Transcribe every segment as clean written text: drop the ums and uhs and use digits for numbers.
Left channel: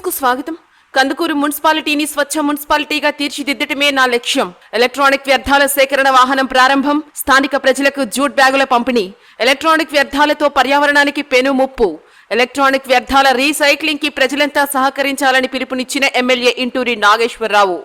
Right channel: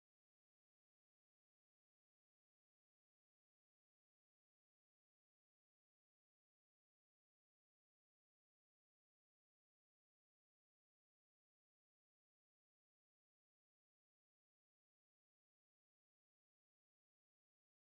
News కు స్వాగతం. కందుకూరు మున్సిపాలిటీని స్వచ్ఛ మున్సిపాలిటీగా తీర్చిదిద్దటమే నా లక్ష్యం. ఎలక్ట్రానిక్ వ్యర్థాల సేకరణ వాహనం ప్రారంభం. స్థానిక ప్రజలకు జూట్ బ్యాగుల పంపిణీ. ఎలక్ట్రానిక్ వ్యర్థాలతో పర్యావరణానికి పెను ముప్పు. ఎలక్ట్రానిక్ వ్యర్థాల రీసైక్లింగ్ కి ప్రజలంతా సహకరించాలని పిలుపునిచ్చిన ఎమ్మెల్యే ఇంటూరి నాగేశ్వరరావు.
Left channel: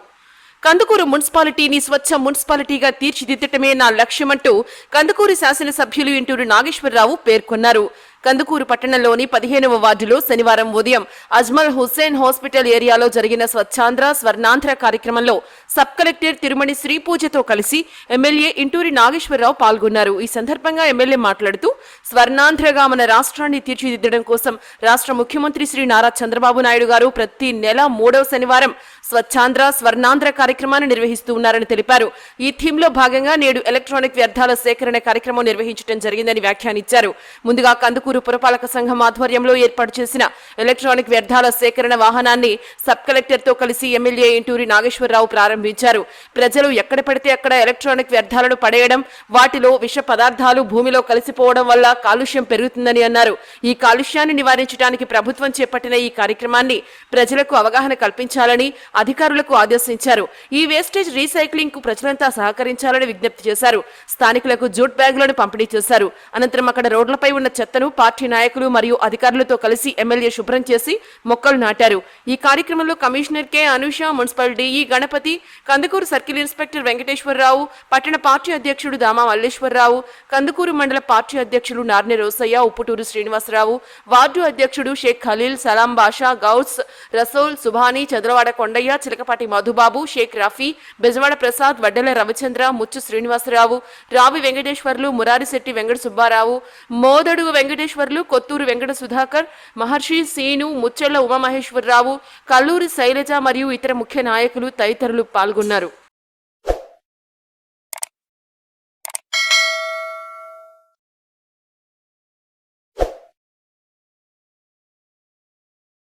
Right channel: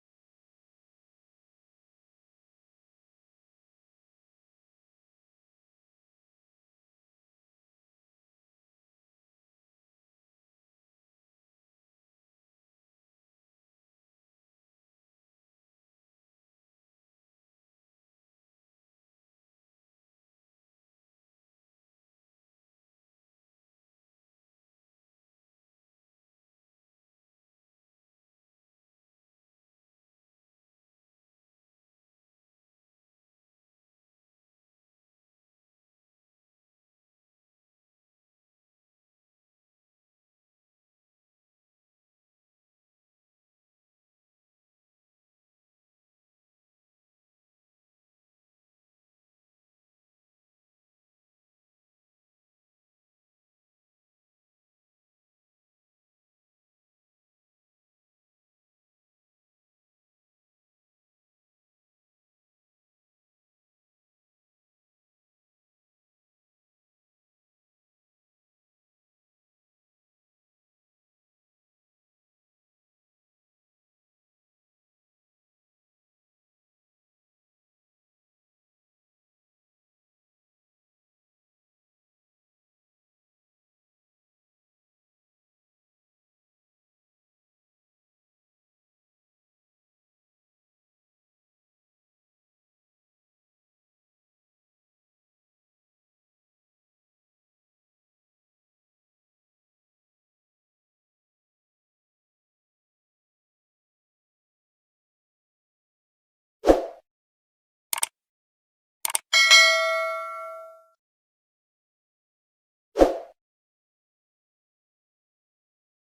కందుకూరు మున్సిపాలిటీని స్వచ్ఛ మున్సిపాలిటీగా తీర్చిదిద్దటమే నా లక్ష్యమంటూ కందుకూరు శాసనసభ్యులు ఇంటూరి నాగేశ్వరరావు పేర్కొన్నారు. కందుకూరు పట్టణంలోని 15వ వార్డులో శనివారం ఉదయం అజ్మల్ హుస్సేన్ హాస్పిటల్ ఏరియాలో జరిగిన స్వచ్ఛాంధ్ర స్వర్ణాంధ్ర కార్యక్రమంలో సబ్ కలెక్టర్ తిరుమణి శ్రీపూజతో కలిసి ఎమ్మెల్యే ఇంటూరి నాగేశ్వరరావు పాల్గొన్నారు. ఈ సందర్భంగా ఎమ్మెల్యే మాట్లాడుతూ స్వర్ణాంధ్రగా మన రాష్ట్రాన్ని తీర్చిదిద్దడం కోసం రాష్ట్ర ముఖ్యమంత్రి శ్రీ నారా చంద్రబాబు నాయుడు గారు ప్రతి నెల 3వ శనివారం స్వచ్ఛాంధ్ర స్వర్ణాంధ్ర కార్యక్రమాన్ని నిర్వహిస్తూ ఉన్నారని తెలిపారు. ఈ థీమ్ లో భాగంగా నేడు ఎలక్ట్రానిక్ వ్యర్థాల సేకరణ కార్యక్రమం నిర్వహించడం జరిగిందని వ్యాఖ్యానించారు. ముందుగా కందుకూరు పురపాలక సంఘం ఆధ్వర్యంలో ఏర్పాటు చేసిన ఎలక్ట్రానిక్ వ్యర్థాల సేకరణ వాహనాన్ని సబ్ కలెక్టర్ తో కలిసి ఎమ్మెల్యే ఇంటూరి నాగేశ్వరరావు ప్రారంభించారు. ప్రజలు ఎక్కడ పడితే అక్కడ ఎలక్ట్రానిక్ వ్యర్థాలను పడేయడం, వాటిలో విష పదార్థాలు భూమిలో కలిసిపోవడం వల్ల కాలుష్యం పెరుగుతుందని అన్నారు. ఈ కాలుష్యాన్ని నివారించడానికి ప్రభుత్వం చేపట్టిన ఈ కార్యక్రమాన్ని ప్రజలకు అవగాహన కల్పించాలని అధికారులకు ఆదేశించారు. ఈ వేస్టేజ్ రీసైక్లింగ్ కు ప్రజలంతా సహకరించాలని విజ్ఞప్తి చేశారు. స్థానికులకు జూట్ బ్యాగులను పంపిణీ చేశారు. అనంతరం అక్కడ రోడ్లపై ఉన్న చెత్తను పార్టీ నాయకులు మరియు అధికారులతో కలిసి ఎమ్మెల్యే శుభ్రం చేసి మొక్కలు నాటారు. ఈ కార్యక్రమంలో commissioner K Anusha, municipal DE Ganapathi, Kandukur circle inspector Venkateswararao, పట్టణ పార్టీ అధ్యక్షుడు దామా మల్లేశ్వరరావు, కందుకూరు మండల పార్టీ అధ్యక్షుడు నార్నె రోసయ్య, ఉప్పుటూరు శ్రీనివాసరావు, వార్డు అధ్యక్షుడు షేక్ ఖలీల్, సలాం బాషా, గౌస్, రసోల్, సుభాని, చంద్రవాడ కొండయ్య, చిలకపాటి మధుబాబు, షేక్ రఫీ, బెజవాడ ప్రసాద్, వడ్డెల రవిచంద్ర, ముచ్చు శ్రీనివాసరావు, రావి వెంకటేశ్వర్లు, మురారిశెట్టి వెంకట సుబ్బారావు, మోదడు వెంకటేశ్వర్లు, కొత్తూరు వెంకట సుధాకర్, మహర్షి సీను, ముచ్చెళ్ల ఉమామహేశ్వరరావు, కల్లూరి శైలజ మరియు ఇతర ముఖ్య నాయకులు తదితరులు పాల్గొన్నారు.